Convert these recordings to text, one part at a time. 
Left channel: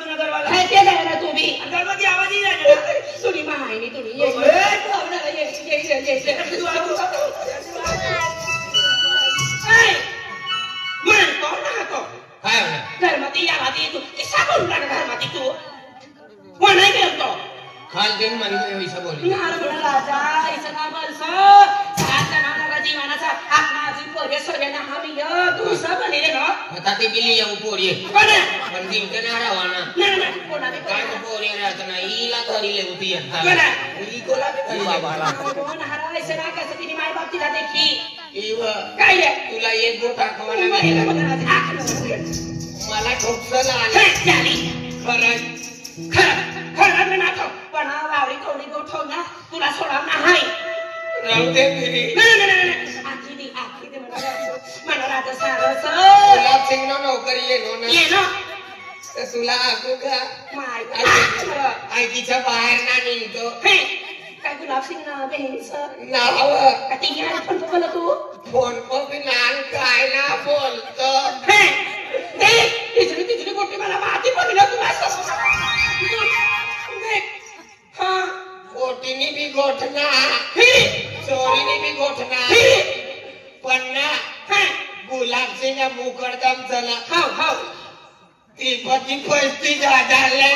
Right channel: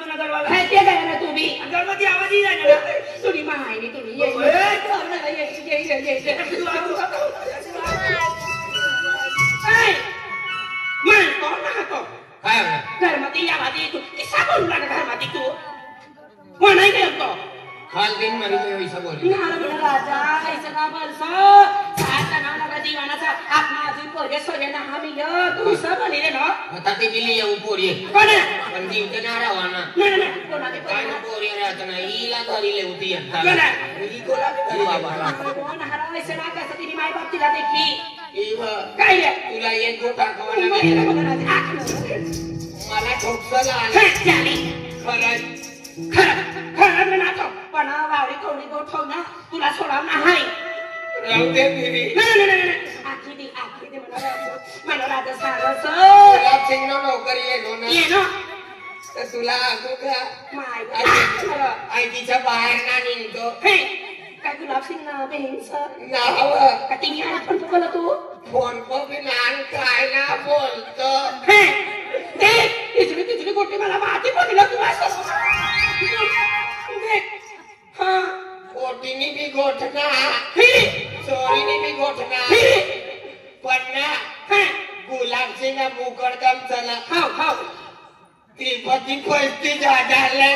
तुला दरवाजा काय ते झालं ना तुम्ही गणपती आवाज येईल ना तुम्ही माहिती तुम्ही ये मानतो ना तो काय घरमध्ये यावादी तू किसा करू लाग घरमध्ये तू कोण नाही करतो खाल दिन मारी वैसा बोल नारळ राजा ऐसा बरसा साता नाला जीवनाचा आपणाची पोरे सोयना आम्ही तू सब बनेले ना आता ते बिली येऊ पोरी कोण पण ती कनारा वाना नाही कोणाने काय पोरी राहत नाही हिला तरी लेवती एकदा कोण ही कोला कोण हरायचं ना कसं तिने माय बाप तिला देखी काय तुला एक गोटा खावायला गेला मला ठोकसला आली खरं ना तो पण वावरी कोणी गोठव ना तुला सोडवणार नाही राहू दे फिरी आजी दी मला राहत सारस तुला चिंग नोकरी ये ना तर तुला असू का माय आईच्या बाहेर ना निघतो काय गुलाब सिंग नाव बहिणीचं नाव का तिने आला पण बोला तू फोन पण नान काय ना बोलतो तिजली गोटी मला माती पडली तू गोटीनी बी गोठना चोरीनी बी गोठना पण ना गुलाब सिंग मुकडदम चला ती पती पस्ती झाडाले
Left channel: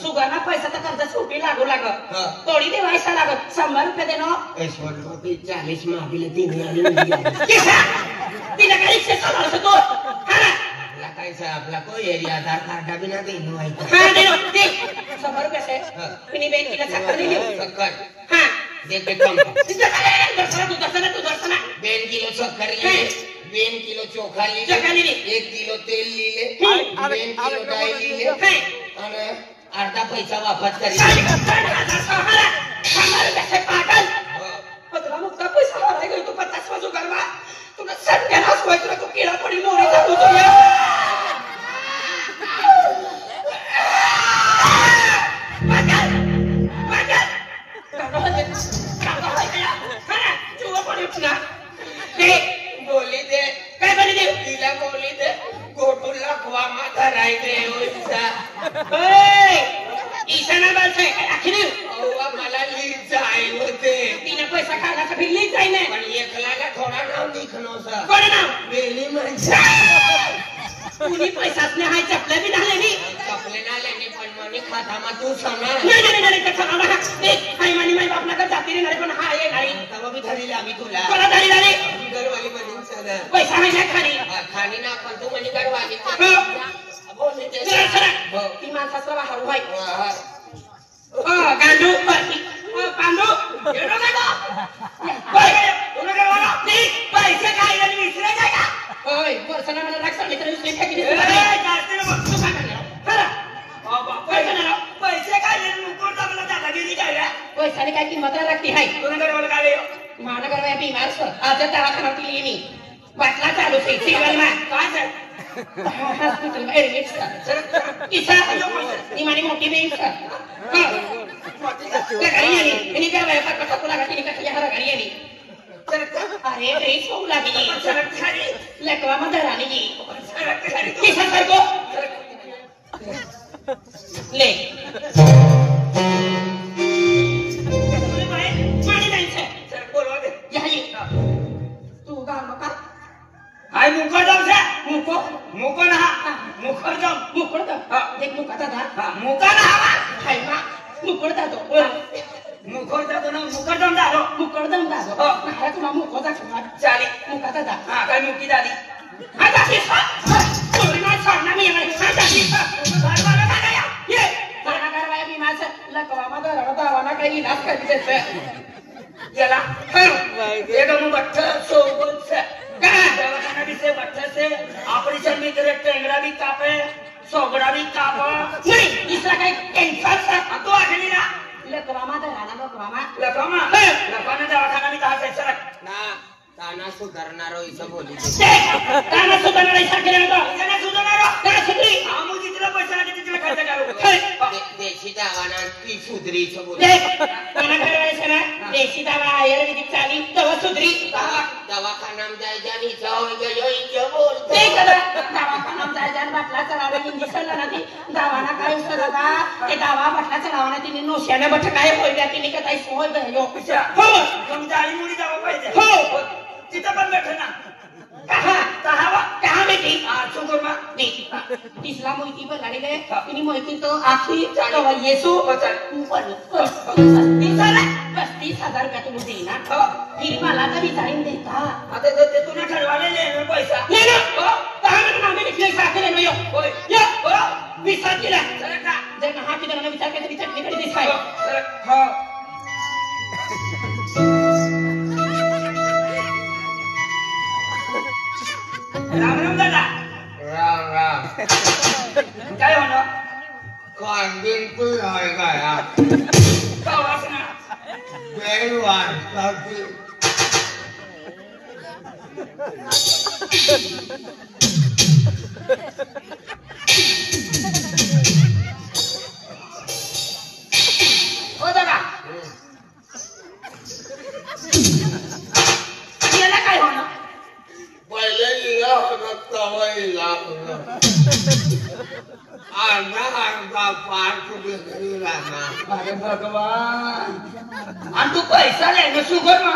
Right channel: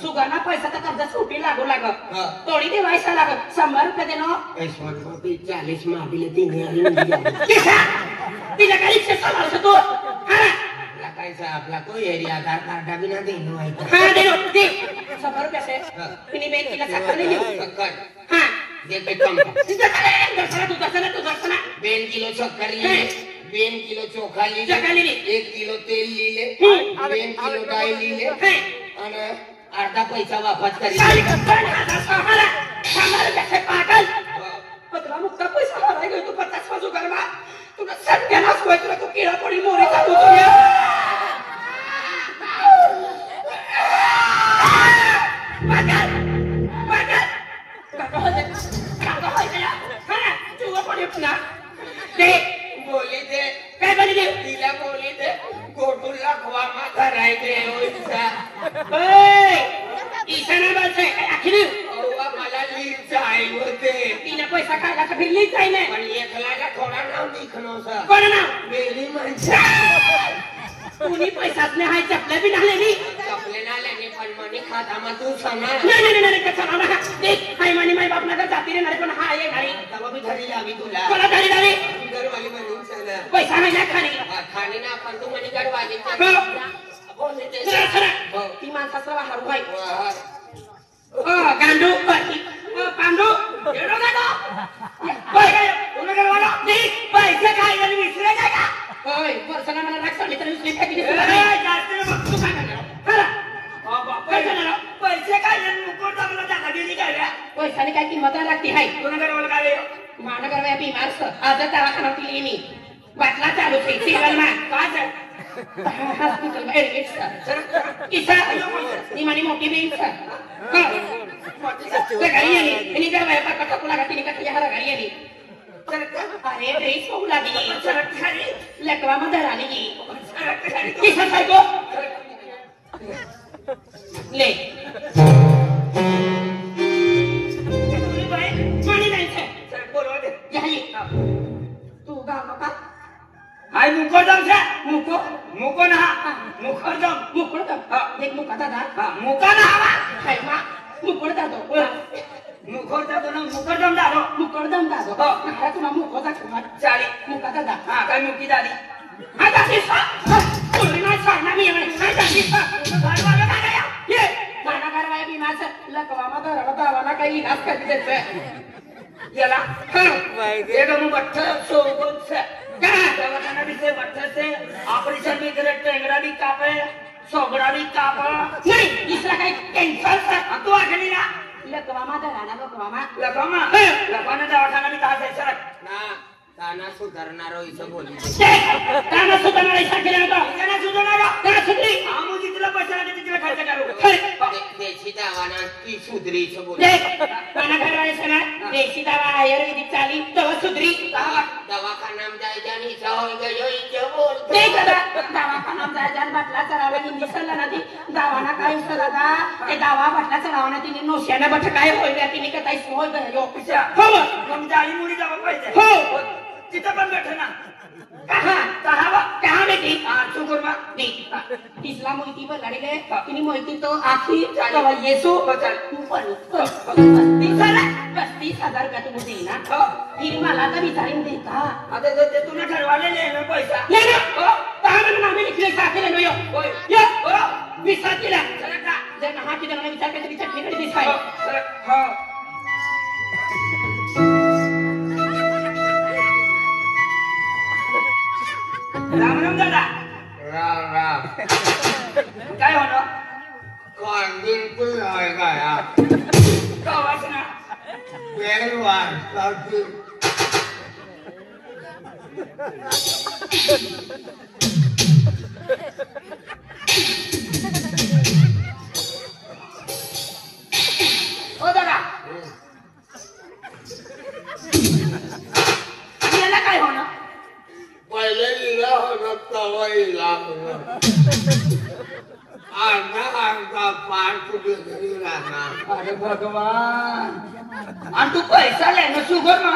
सुगाना पैसा तर कर्ज सुटी लागू लागत तोडी दे वायसा लागत 100 रुपये दे नो 40 मागिले तिने तिला काही शिक्षा झालं तू आपला कोई एरिया आधार कार्ड बिना दे दे 100 रुपये से तिने बैंक तिला चक्कर दिली हां देते कम दर्शना 2 किलो शक्कर लिए 2 किलो चोखा लिए 1 किलो तेल लिए 2 किलो डाळ लिए और आटा पैसा वापस करी पत्र मुक्ता पैसा हराय गेलो तू 50 वाजू गरमा तुला सत्यानाश व्हायचं तू किडा पडी मोरी टाकू तू असले हाय चपले बी नाही मी चपले ना लेने पण मने खाता मा तू सांगणार नाही कथा ना ते हाय मानी माय बापना का जाती रे नाही पण हा ये गाडी तवा मी धरी लावी तुला कोणा गाडी लावी घरवाली म्हणून चला पैसा नाही ना खाली खाणे ना पण तू म्हणे घरवाली ती माणसाचं बाहेर होय गांडू पांडू येणं पैसे काय विसरे काय का होय वर्षाला मला राग सांगले तर विसरे काय पैसे काय मुकुट टाकला त्याला गेली काय पैशाने काय किंमत लागते हाय मला करायला बिमार आज दवाखान्यात मी बाटला चालू सेवाली काय मोठी बेंच गाडी आली आणि काय गाडी आली अरे ड्रेस होऊ लागली लकवा मध्ये राहिली सारखं ले तू गाव का हाय मुकडदम से मुको ना मुकडदम एक मुकाचा दात मुकाना हाय मा मुकडदा तो मुकडदम दारो महाराज ना मुकोदा चाली मुकाचा दात काय मुकी दाली आता केसा कोणी नाही सांगणार मी आता केसा भरवाना काय ये मला करवाय मी माझं लकवा मध्ये रडतावाना काही नाच करते याला एकदम बट्टर सोबत से दवाखाना भी से बच्चे से ऑपरेशन में करे टेंगरा भी कापे सोगड़ा भी कापा नहीं इसका है कैंसर से तो आगे नहीं ना लकवामा दराना लकवामा दवाखाना भी तार से ना ताना सुधारणारो इसे बोली ताना सुधारणारो इसे केलं तो ताना सुधरी आमो जितला पैसा आले तितला खर्च करू देशी दवाना की सुधरी इसे बोली ताना करायचं ना देशी दवा आयुर्वेदिक चाली तवा सुधरी दवाखाना में जाय जानी जाओ यो बोल ते कदा दवाखाना में जाय जान बाटला चलावे की निसला ना ती दवाना काय उसरागा ते दवा बाटला चलावना ती नोशाने बठ काय होईला तिने का ताई सोय बहिलो पिचा हो तुम जाली मुली दवा पाहिजे हो तिथं पण बैठे ना कहाँ बेटी सुगरमा तीसरा मोहिती पर लड़े इनी मोहिती तो आखिरी येसु ऊपर 35,000 रुपया तुम देना फिर मला तर विचारून देता आता ते तुम्ही ठरवाले ले पैसा नाही ना कहाँ मैंने नामे लिखले साथ ले लो ये विचार केला जर महा की जरा विचार केला विचार निकडी दिसाय हां राम दादा राम काय होणार कांदीन तू आहे काय का वासना बेरवार काकी ओ दादा याला काय होणार पहिले लिहिला होता तवाईला अर्धा पार तुझे घरी राहणार अरे भगवान आणि तू पैसा नाही सुगर ना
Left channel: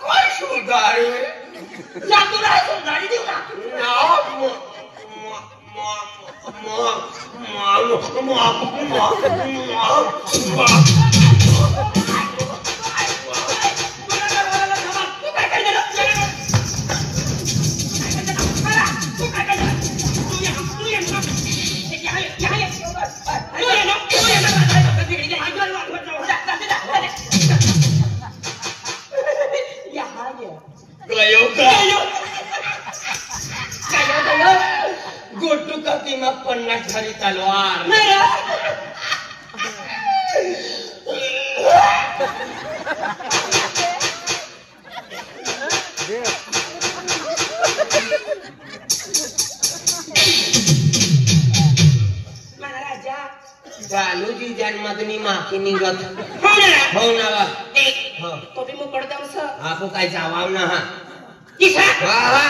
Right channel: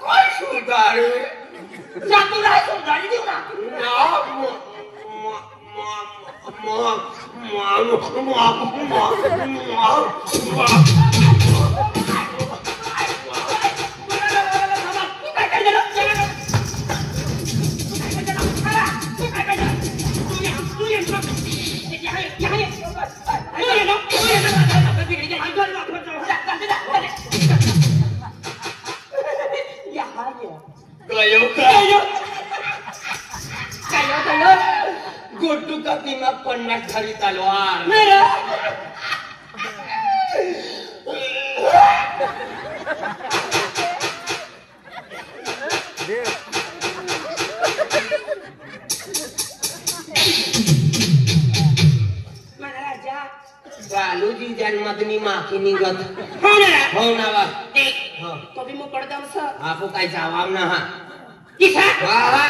कोण सुधारे तुला सुधारी देऊ ना गोटू का दिमाग पन्नास खाली तलवार चालू जी जन्मदनी माखी निघत हो ना तो भी मोकळ जाऊस आपो काय जावाव ना हा किसा हा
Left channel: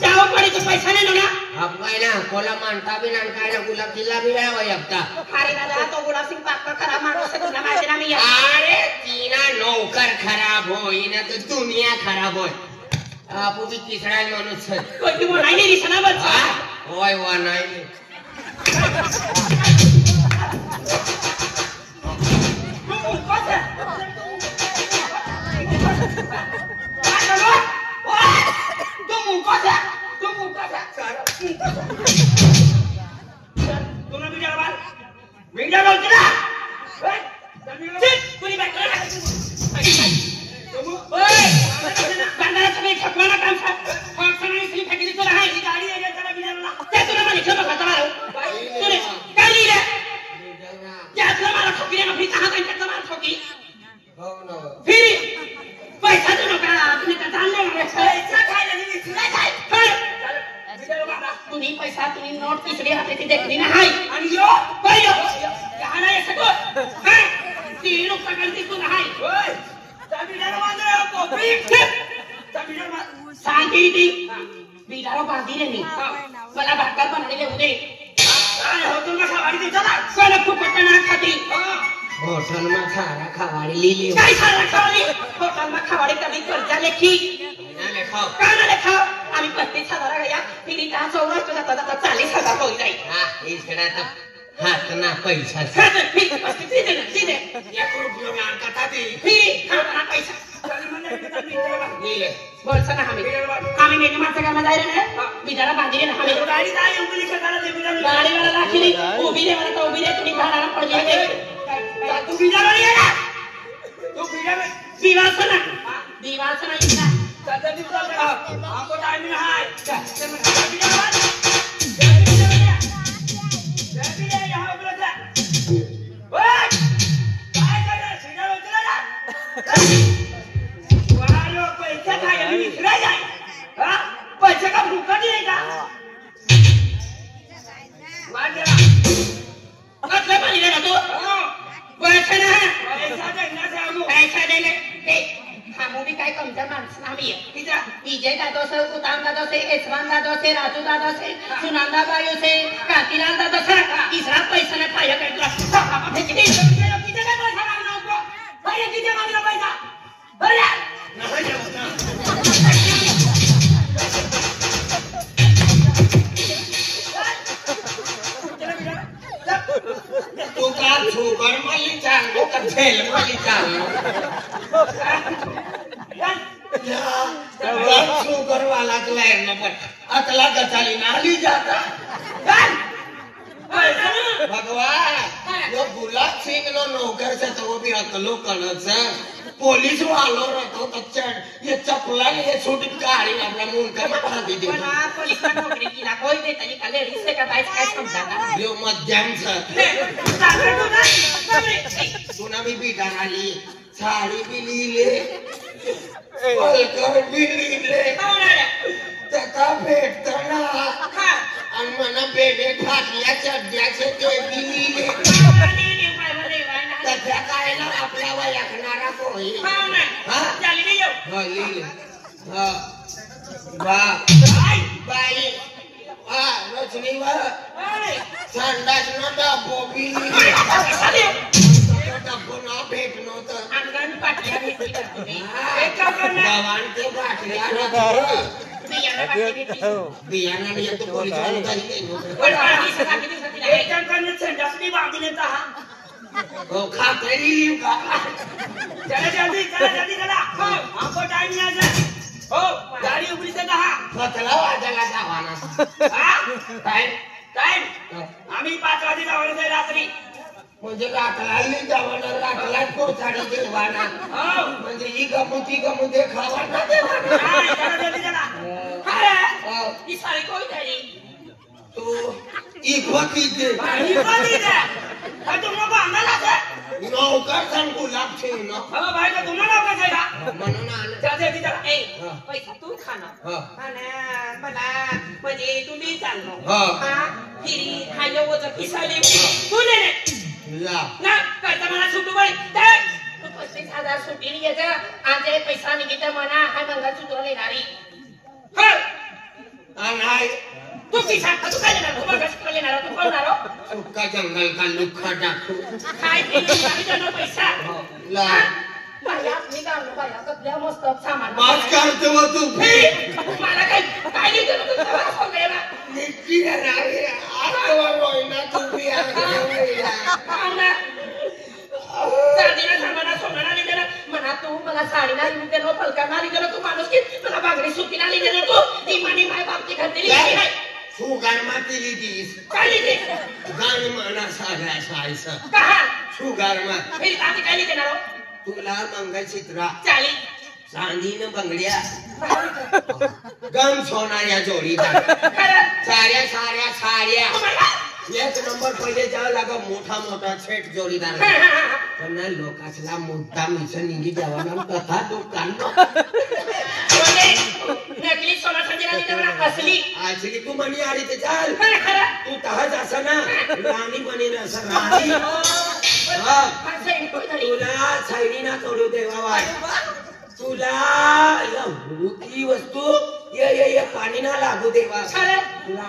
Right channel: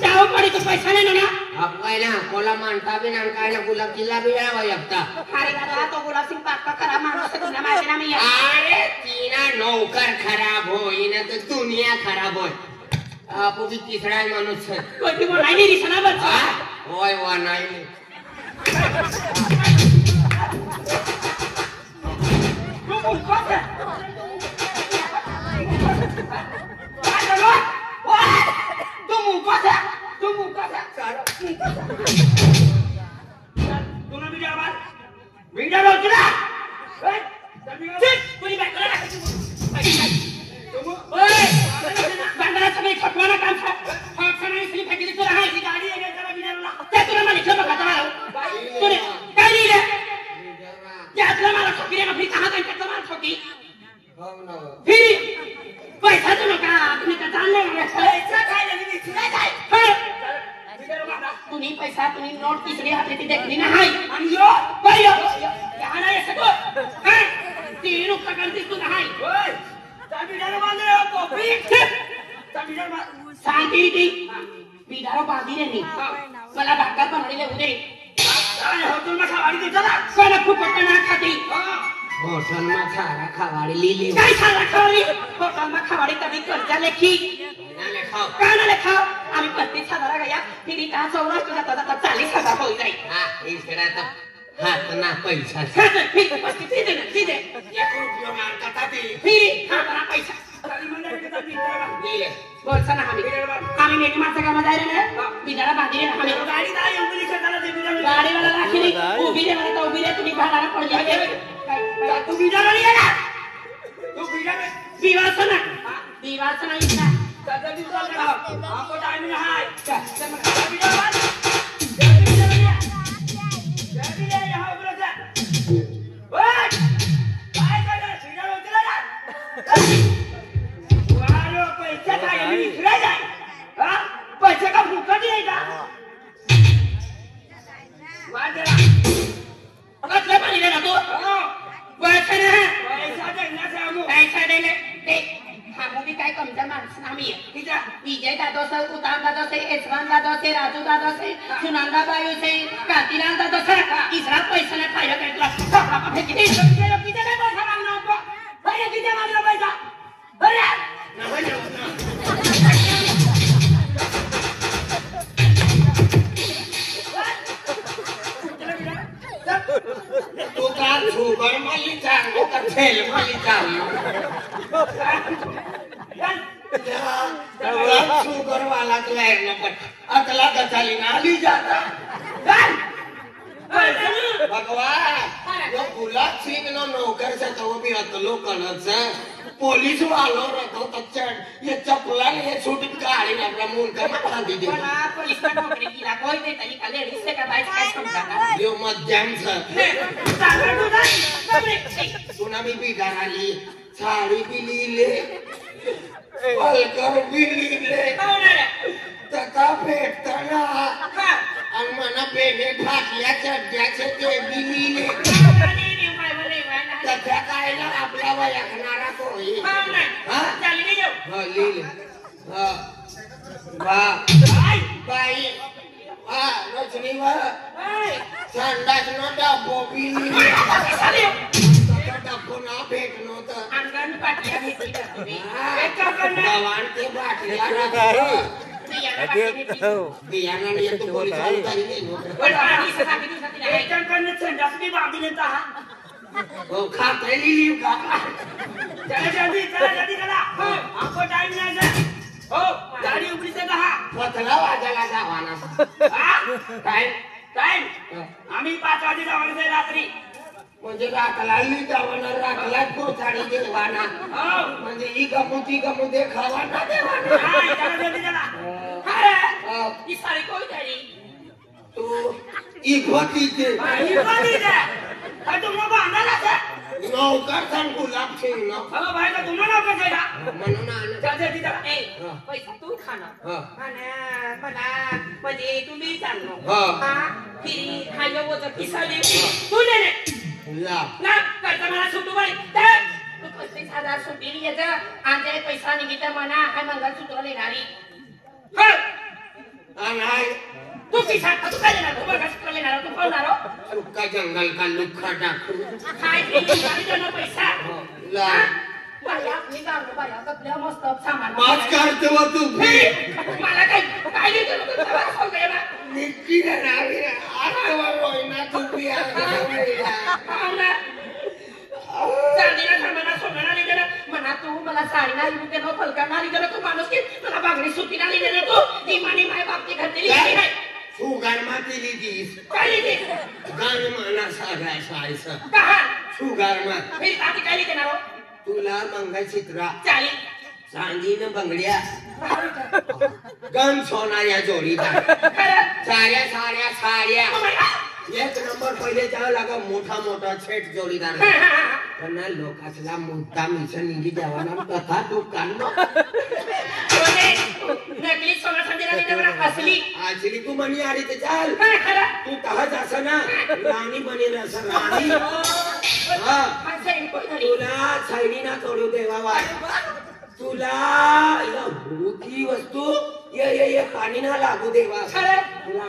जाव पडी तो पैसा नाही ना आप काय ना कोला मानता भी ना काय ना गुलाब जिल्हा भी आहे वयपता अरे दादा तो गुलाब सिंग पापा खराब माणूस आहे तुला माहिती ना मी अरे तीना नौकर खराब होई ना तर दुनिया खराब होय आपो की तिसरा माणूस है कोई भी नाही दिसना बच्चा होय वा नाही तुम्ही पैसा तुम्ही नोट तिसरी हाते देखली नाही आणि यो बरं यहाँ नाही सगळं हाय ती नुकता गलती तू नाही होय बिडारो बांधला कोपरी सांगी ती बिडारो बांधी रे मला भाकर बनवले होते हॉटेल मध्ये खावाडी देता ना मला खूप पटना खाती हॉटेल मध्ये खाना खावाडी लिहिली काय खाना खावाडी हॉटेल मध्ये खावाडी करणे करता लेखी नाले खाव काना लेखा आणि 35,000 गया फिर इतना चौरा तो जाता 40,000 हो जाए हां इस करा था हाथ ना पैसा फिर सीधे या रुपये में आणता ती फिर खाना पैसा खाली मंडळ के तभी दिले बोलसा ना आम्ही मेरी माणसं काय जाय रे बिचारा बांधी रे आम्ही गाडी जाय उंगली छकाला दे बिचारा गाडी वाला राखी उभी रे वाला तो उभी रे तुम्ही भाडाला पड गए तू बिचारा रे ना तू बिचारा दिवासना इतना सदा दिन चल रहा हमको टाइम नहीं है चल मैं बिचारा यहाँ ऊपर जा ओए काय कर बिचारा उतरा जा वारो पैसे काय मी फिराय जाय हां पैसे का भूखा नाही का वाजरा मतलब पाणी रे तू पैसे ना पैसा दे ले हा मूवी काय कमचा माणूस नामी आहे तिचा विजय दादो से उताम दादो से एसवान दादो से राजू दादो से सुनंदा बायो से कांतीलाल दादो से तीसरा पैसा ना खाया पेटला किती काय पैसा लागला होता अरे किती लागला पैसा अरे तू का छोकर माली चांगो का खेल माली चांगो छोकर वाला तो है ना पर अकला का चाली नाली जाता भगवान यो गुलाब सिंह नो नौकर से तो भी अकलो कनस पुलिस वालों रहतो तो चढ़ ये चपला ने ये छूट गाड़ी अपना मुंह कर बांध दी पण पुलिस का नौकरी की कोई दे तरी काले रिश्ते का बाईस काय समझाता यो मध्यम से सुना मी बिगार आली साडी भी लीले पलकर भी लीले तथा भेटताना आणि मना पेटे फाटल्या चड्ड्याचे ते भी लीले त्या काय ना आपला वयखणारा सोयी चाली नाही जाऊ लीले बाई रचनी वा संडास न डबो भी लीले डबो ना भेट नव्हतं अंगण पाटल्या घेतली गवान ते फाटल्या बियाणाने येतो पोलीस एकदम करणे संडासनी बांधून येता हो खाता येईल का चला जल्दी चला हमको टाइम नहीं है हो गाड़ी उबली से कहा पतला वाजाला जावाना टाइम आम्ही 5 वाजे जावणार रात्री म्हणजे रातलाली जावाना रातलाच कोचाडी देवाना हो म्हणजे ही गमुती गमुते खावाना देवाना नाही चला जल्दी चला अरे ई सारी कोई तरी तो इखवती दे पाणी पाणी दे काय तुम लोग आंदोलन आहे नौकर सन गुलाब छे ना बाबा भाई का दोनों नौकर जायला म्हणून आला चल जल्दी चला ए पैसा तू खाना मला म्हणजे तुम्ही चाललो हा फिरी हायो वचा खिसा दे तू ले ला ना करता मला सुटू बळे तर 35,000 सुटी घ्यायचं आणि पैसा निघित म्हणा हा मंगळ सुटू देणारी हा नाही तू किसा तू काय देणार तू मग कसं लेणार तू खाणार सुक्का जंगल का लुखा डाकू काय ते गाडी देणार पैसा ला बाया मी काढलो बाई आता द्या मस्त सामान पाच काढतो मग तू मला काय काय नाही करत निक्की नावी आठवण होईना तुम्ही चांदीला सामाना सोनाला नाही देणार म्हणा तू मला साडीला नाही देणार फलका नाही देणार तू माणूस की मला बांगडी सुपी नाही देणार तू इमानी माय बापची घातलेली शुगर मा केली तीस काय लिहिते गाणी म्हणा साध्या सायस पहा शुगर मा फिर बाकी काय नाही देणार तुला मंगळचित्रा चाली चांदीनं बंगड्या गम सोनाऱ्या जोडीदार साऱ्या साऱ्या साऱ्या एक नंबर पहिले जावं लागा मोठा मोठा सेट जोडीदार पण ना लोकांना मुद्दा मिशन निघी द्यावा ना तथा दुकान नकली सोना चांदीला देणार असली आजली तू म्हणी आली ते चाल तू तहाच असं ना राणी बनेल असं राणी तुला सैनी ना करू देवा तुला ती वस्तू ये पाणी ना लागू देवा तुला